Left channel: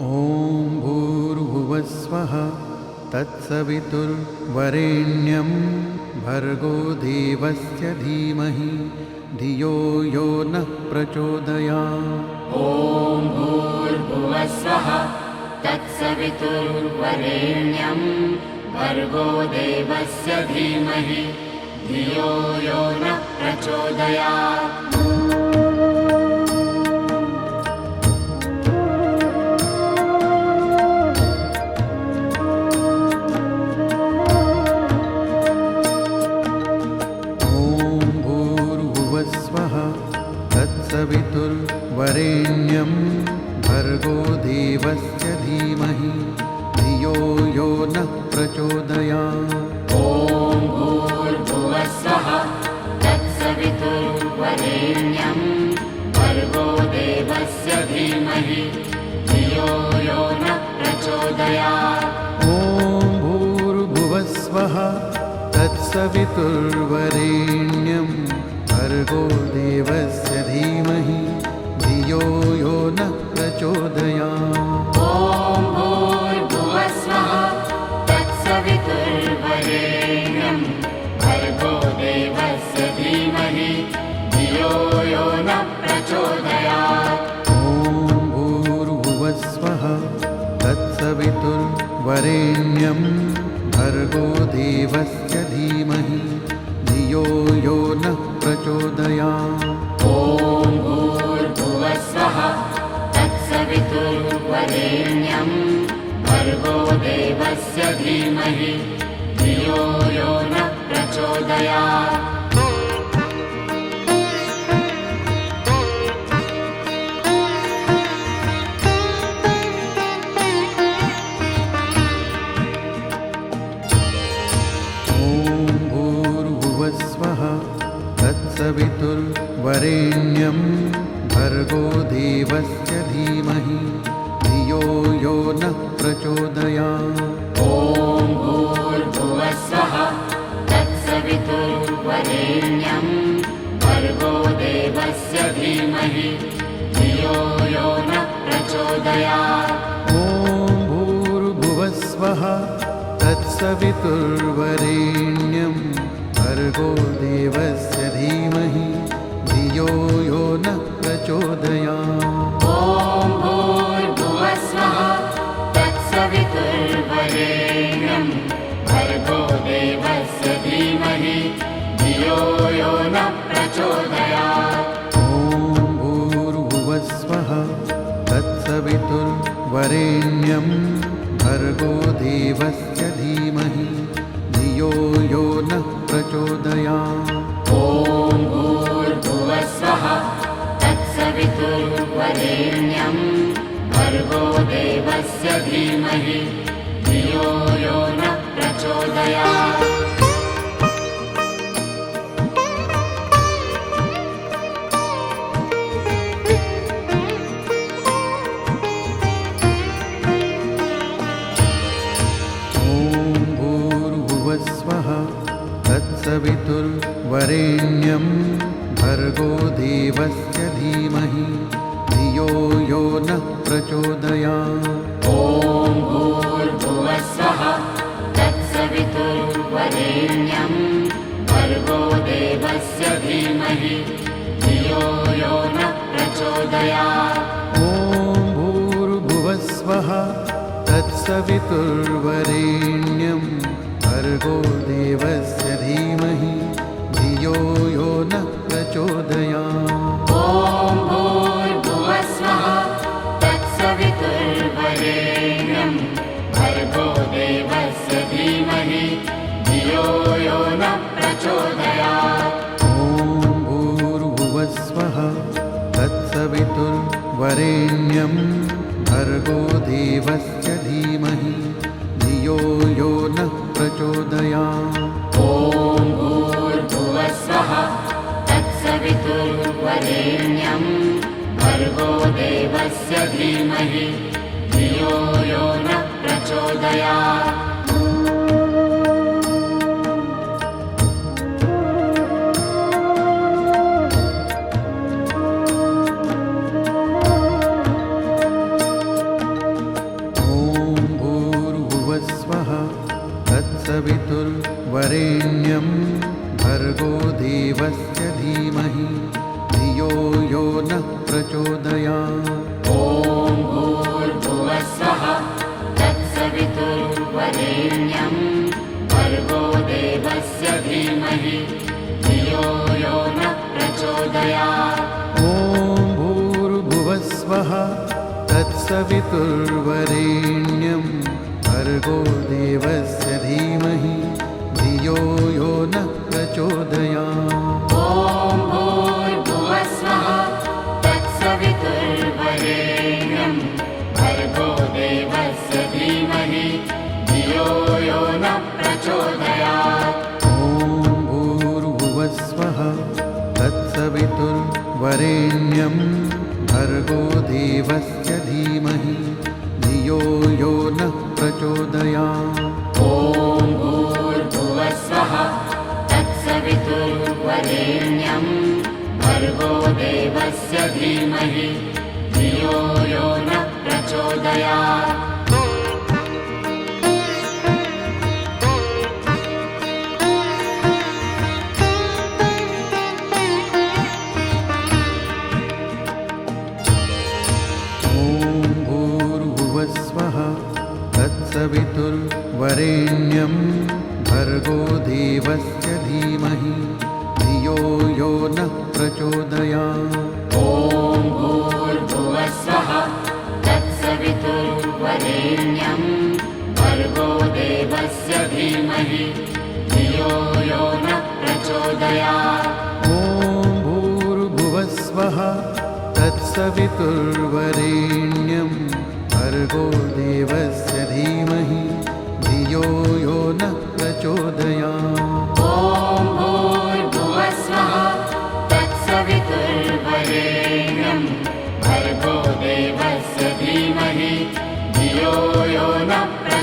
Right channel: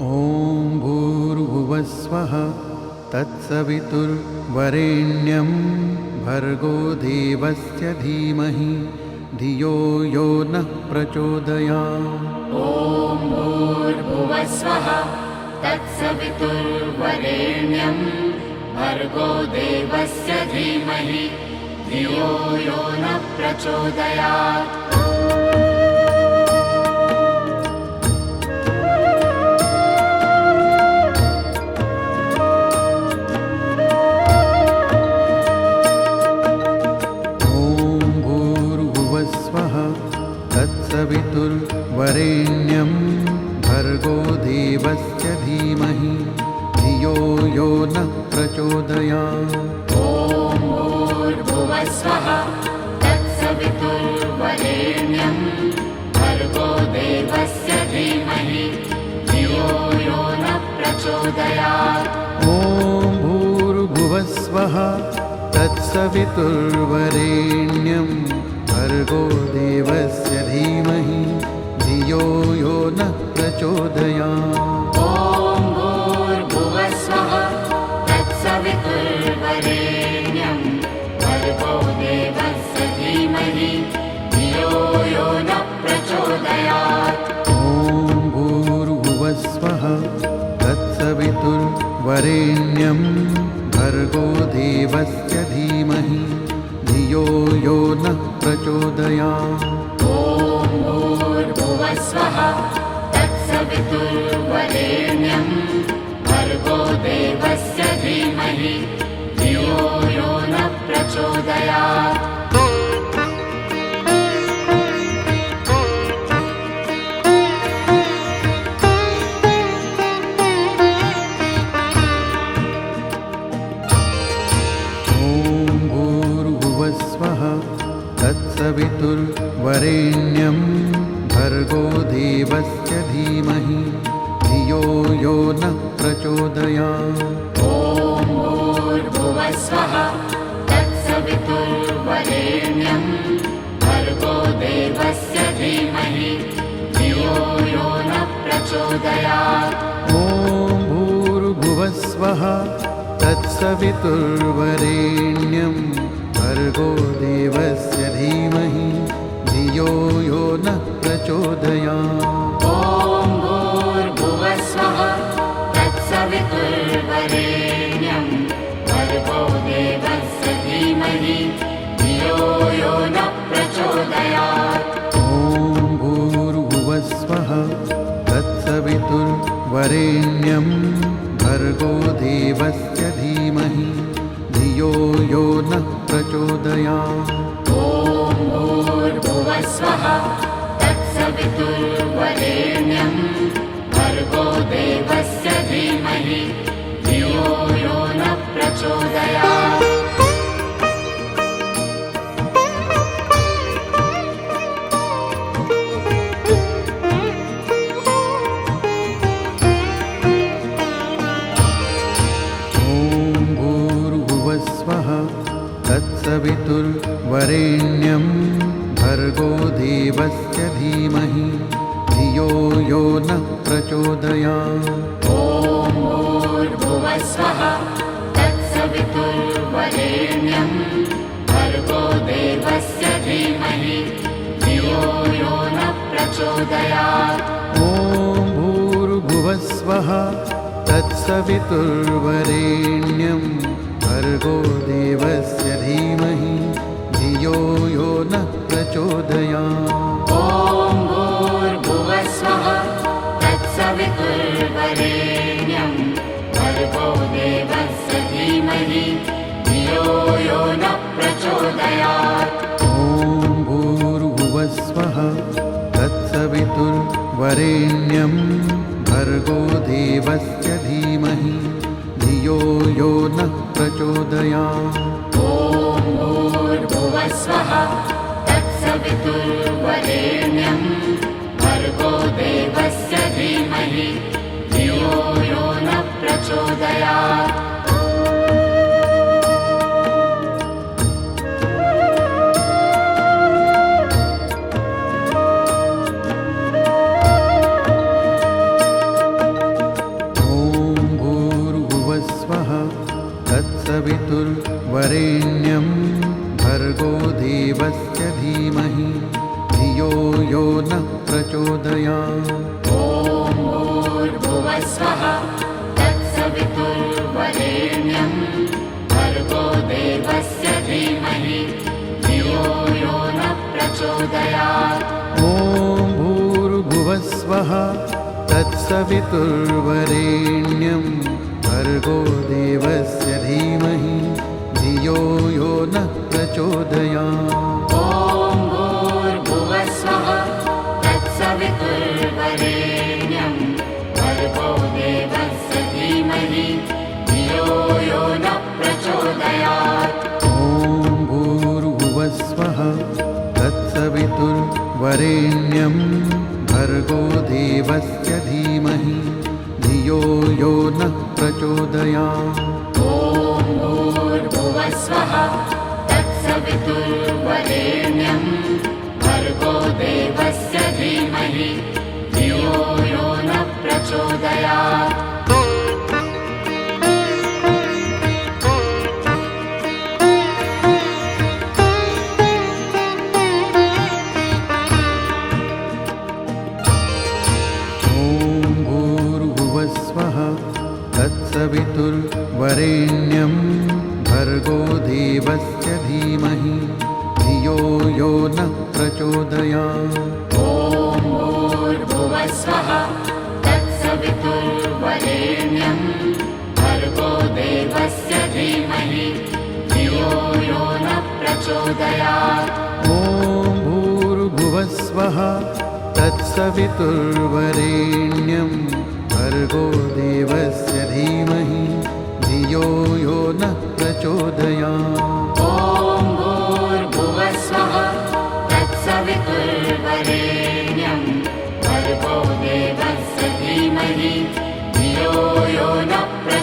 ॐ भूर्भुवस्वः तत्सवितुर्वरेण्यं भर्गो देवस्य धीमहि धियो यो नः प्रचोदयात्। ॐ भूर्भुवस्वः तत्सवितुर्वरेण्यं भर्गो देवस्य धीमहि धियो यो नः प्रचोदयात्। तत्सवितुर्वरेण्यं भर्गो देवस्य धीमहि धियो यो नः प्रचोदयात्। ॐ भूर्भुवस्वः तत्सवितुर्वरेण्यं भर्गो देवस्य धीमहि धियो यो नः प्रचोदयात्। ॐ भूर्भुवस्वः तत्सवितुर्वरेण्यं भर्गो देवस्य धीमहि धियो यो नः प्रचोदयात्। ॐ भूर्भुवस्वः तत्सवितुर्वरेण्यं भर्गो देवस्य धीमहि धियो यो नः प्रचोदयात्। ॐ भूर्भुवस्वः तत्सवितुर्वरेण्यं भर्गो देवस्य धीमहि धियो यो नः प्रचोदयात्। ॐ भूर्भुवस्वः तत्सवितुर्वरेण्यं भर्गो देवस्य धीमहि धियो यो नः प्रचोदयात्। तत्सवितुर्वरेण्यं भर्गो देवस्य धीमहि धियो यो नः प्रचोदयात्। ॐ भूर्भुवस्वः तत्सवितुर्वरेण्यं भर्गो देवस्य धीमहि धियो यो नः प्रचोदयात्। ॐ भूर्भुवस्वः तत्सवितुर्वरेण्यं भर्गो देवस्य धीमहि धियो यो नः प्रचोदयात्। ॐ भूर्भुवस्वः तत्सवितुर्वरेण्यं भर्गो देवस्य धीमहि धियो यो नः प्रचोदयात्। ॐ भूर्भुवस्वः तत्सवितुर्वरेण्यं भर्गो देवस्य धीमहि धियो यो नः प्रचोदयात्। ॐ भूर्भुवस्वः तत्सवितुर्वरेण्यं भर्गो देवस्य धीमहि धियो यो नः प्रचोदयात्। तत्सवितुर्वरेण्यं भर्गो देवस्य धीमहि धियो यो नः प्रचोदयात्। ॐ भूर्भुवस्वः तत्सवितुर्वरेण्यं भर्गो देवस्य धीमहि धियो यो नः प्रचोदयात्। ॐ भूर्भुवस्वः तत्सवितुर्वरेण्यं भर्गो देवस्य धीमहि धियो यो नः प्रचोदयात्। ॐ भूर्भुवस्वः तत्सवितुर्वरेण्यं भर्गो देवस्य धीमहि धियो यो नः प्रचोदयात्। ॐ भूर्भुवस्वः तत्सवितुर्वरेण्यं भर्गो देवस्य धीमहि धियो यो नः प्रचोदयात्। ॐ भूर्भुवस्वः तत्सवितुर्वरेण्यं भर्गो देवस्य धीमहि धियो यो नः प्रचोदयात्। भर्गो देवस्य धीमहि धियो यो नः प्रचोदयात्। ॐ भूर्भुवस्वः तत्सवितुर्वरेण्यं भर्गो देवस्य धीमहि धियो यो नः प्रचोदयात्। ॐ भूर्भुवस्वः तत्सवितुर्वरेण्यं भर्गो देवस्य धीमहि धियो यो नः प्रचोदयात्। ॐ भूर्भुवस्वः तत्सवितुर्वरेण्यं भर्गो देवस्य धीमहि धियो यो नः प्रचोदयात्। ॐ भूर्भुवस्वः तत्सवितुर्वरेण्यं भर्गो देवस्य धीमहि धियो यो नः प्रचोदयात्। ॐ भूर्भुवस्वः तत्सवितुर्वरेण्यं भर्गो देवस्य धीमहि धियो यो नः प्रचोदयात्। स्वः तत्सवितुर्वरेण्यं भर्गो देवस्य धीमहि धियो यो नः प्रचोदयात्। ॐ भूर्भुवस्वः तत्सवितुर्वरेण्यं भर्गो देवस्य धीमहि धियो यो नः प्रचोदयात्। ॐ भूर्भुवस्वः तत्सवितुर्वरेण्यं भर्गो देवस्य धीमहि धियो यो नः प्रचोदयात्। ॐ भूर्भुवस्वः तत्सवितुर्वरेण्यं भर्गो देवस्य धीमहि धियो यो नः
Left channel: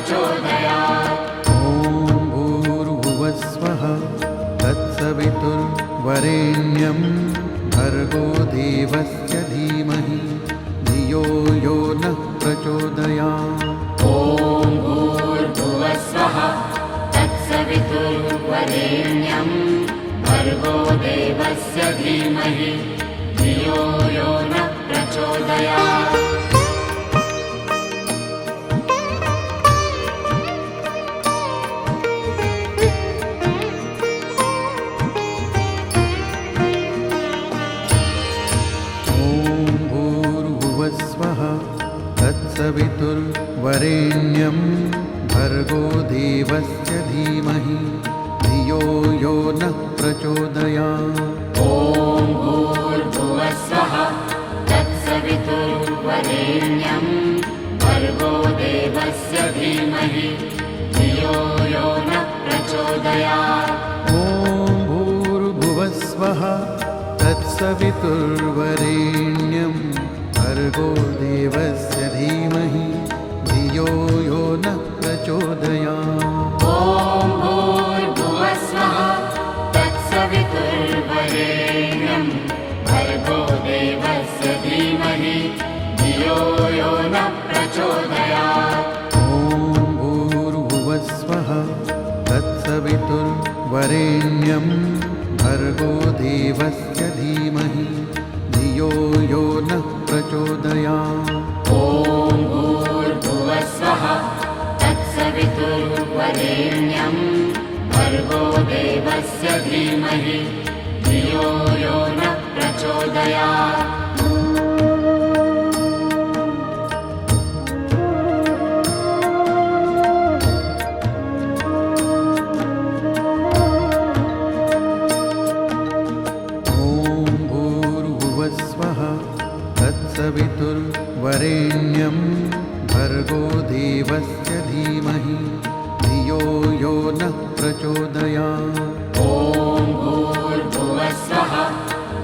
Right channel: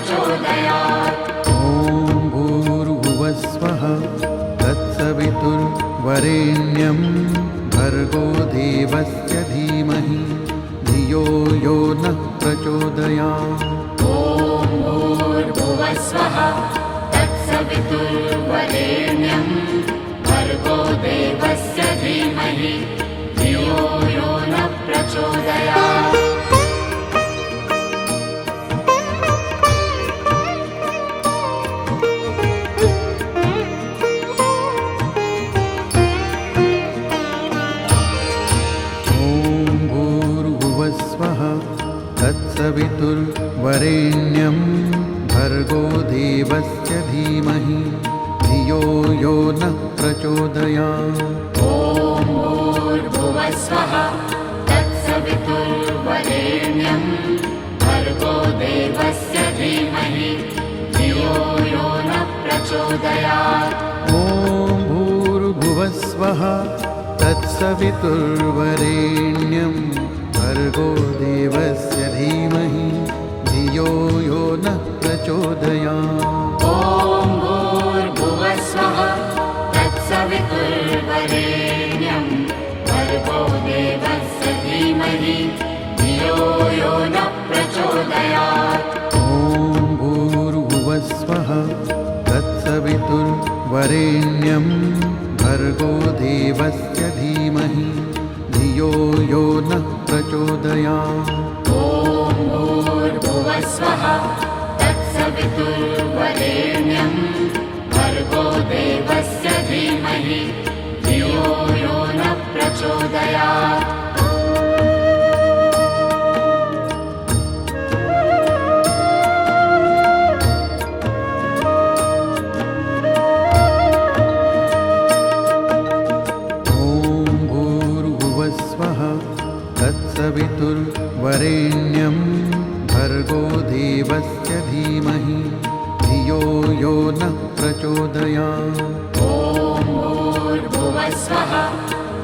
प्रचोदयात्। ॐ भूर्भुवस्वः तत्सवितुर्वरेण्यं भर्गो देवस्य धीमहि धियो यो नः प्रचोदयात्। ॐ भूर्भुवस्वः तत्सवितुर्वरेण्यं भर्गो देवस्य धीमहि धियो यो नः प्रचोदयात्। स्वः तत्सवितुर्वरेण्यं भर्गो देवस्य धीमहि धियो यो नः प्रचोदयात्। ॐ भूर्भुवस्वः तत्सवितुर्वरेण्यं भर्गो देवस्य धीमहि धियो यो नः प्रचोदयात्। ॐ भूर्भुवस्वः तत्सवितुर्वरेण्यं भर्गो देवस्य धीमहि धियो यो नः प्रचोदयात्। ॐ भूर्भुवस्वः तत्सवितुर्वरेण्यं भर्गो देवस्य धीमहि धियो यो नः प्रचोदयात्। ॐ भूर्भुवस्वः तत्सवितुर्वरेण्यं भर्गो देवस्य धीमहि धियो यो नः प्रचोदयात्। ॐ भूर्भुवस्वः तत्सवितुर्वरेण्यं भर्गो देवस्य धीमहि धियो यो नः प्रचोदयात्। तत्सवितुर्वरेण्यं भर्गो देवस्य धीमहि धियो यो नः प्रचोदयात्। ॐ भूर्भुवस्वः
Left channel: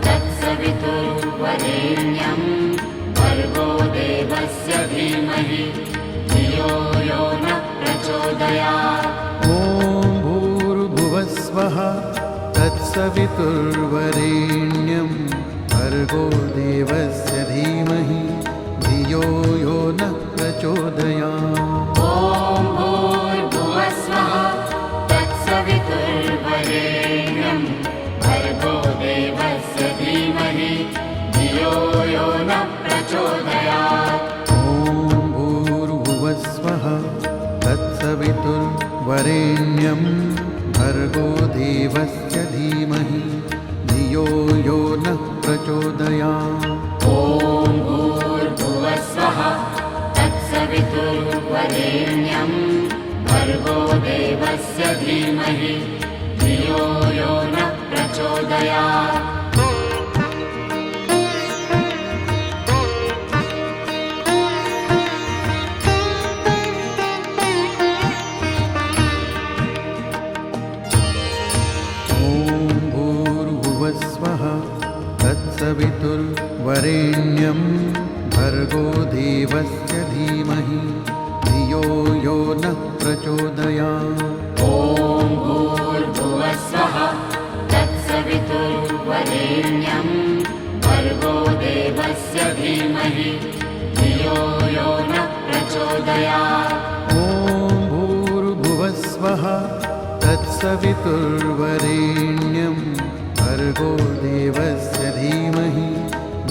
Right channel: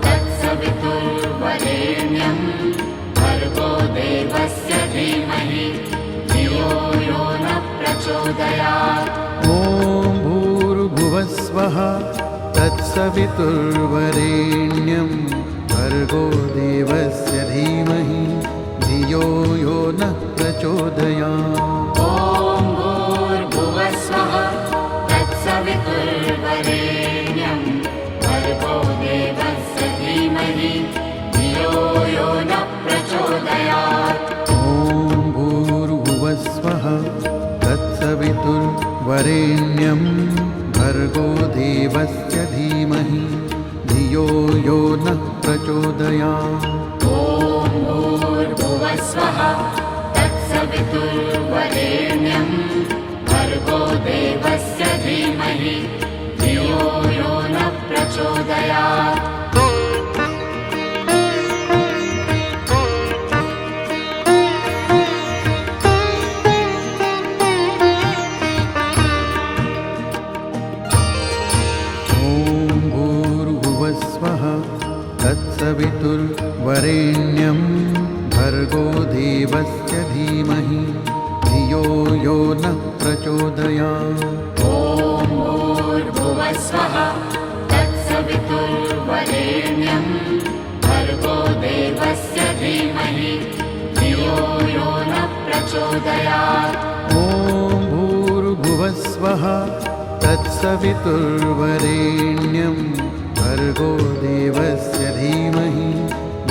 तत्सवितुर्वरेण्यं भर्गो देवस्य धीमहि धियो यो नः प्रचोदयात्। ॐ भूर्भुवस्वः तत्सवितुर्वरेण्यं भर्गो देवस्य धीमहि धियो यो नः प्रचोदयात्। ॐ भूर्भुवस्वः तत्सवितुर्वरेण्यं वरेण्यं भर्गो देवस्य धीमहि धियो यो नः प्रचोदयात्। ॐ भूर्भुवस्वः तत्सवितुर्वरेण्यं भर्गो देवस्य धीमहि धियो यो नः प्रचोदयात्। स्वः तत्सवितुर्वरेण्यं भर्गो देवस्य धीमहि धियो यो नः प्रचोदयात्। ॐ भूर्भुवस्वः तत्सवितुर्वरेण्यं भर्गो देवस्य धीमहि धियो यो नः प्रचोदयात्। ॐ भूर्भुवस्वः तत्सवितुर्वरेण्यं भर्गो देवस्य धीमहि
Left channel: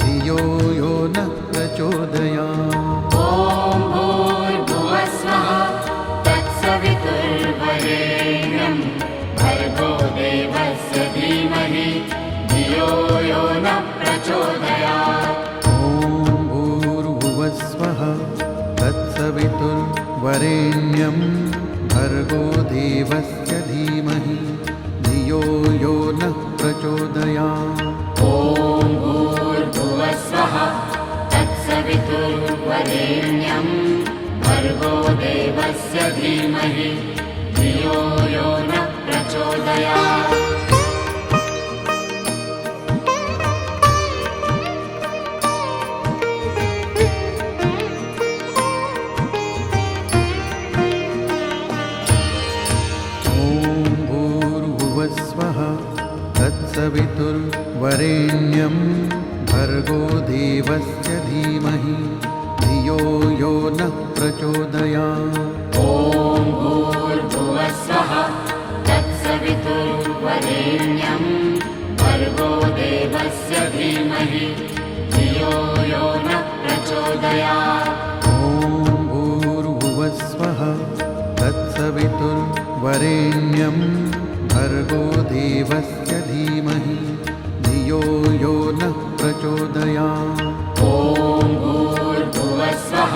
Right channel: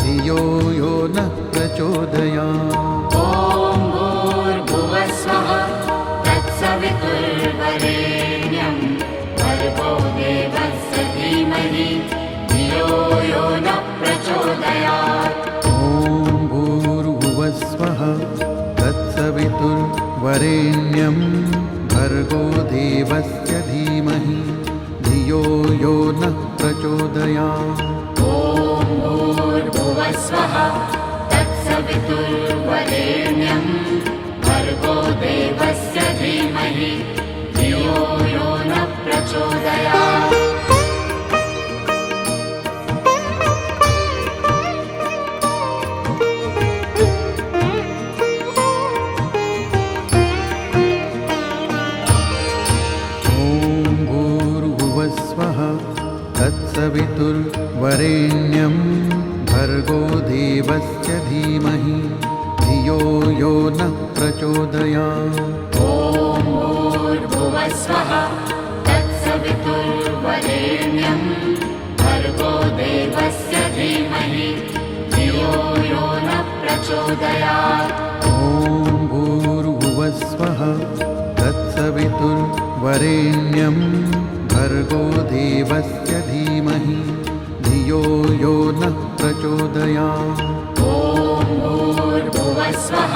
धियो यो नः प्रचोदयात्। ॐ भूर्भुवस्वः तत्सवितुर्वरेण्यं भर्गो देवस्य धीमहि धियो यो नः प्रचोदयात्। ॐ भूर्भुवस्वः तत्सवितुर्वरेण्यं भर्गो देवस्य धीमहि धियो यो नः प्रचोदयात्। ॐ भूर्भुवस्वः तत्सवितुर्वरेण्यं भर्गो देवस्य धीमहि धियो यो नः प्रचोदयात्। स्वः तत्सवितुर्वरेण्यं भर्गो देवस्य धीमहि धियो यो नः प्रचोदयात्। ॐ भूर्भुवस्वः तत्सवितुर्वरेण्यं भर्गो देवस्य धीमहि धियो यो नः प्रचोदयात्। ॐ भूर्भुवस्वः तत्सवितुर्वरेण्यं भर्गो देवस्य धीमहि धियो यो नः प्रचोदयात्। ॐ भूर्भुवस्वः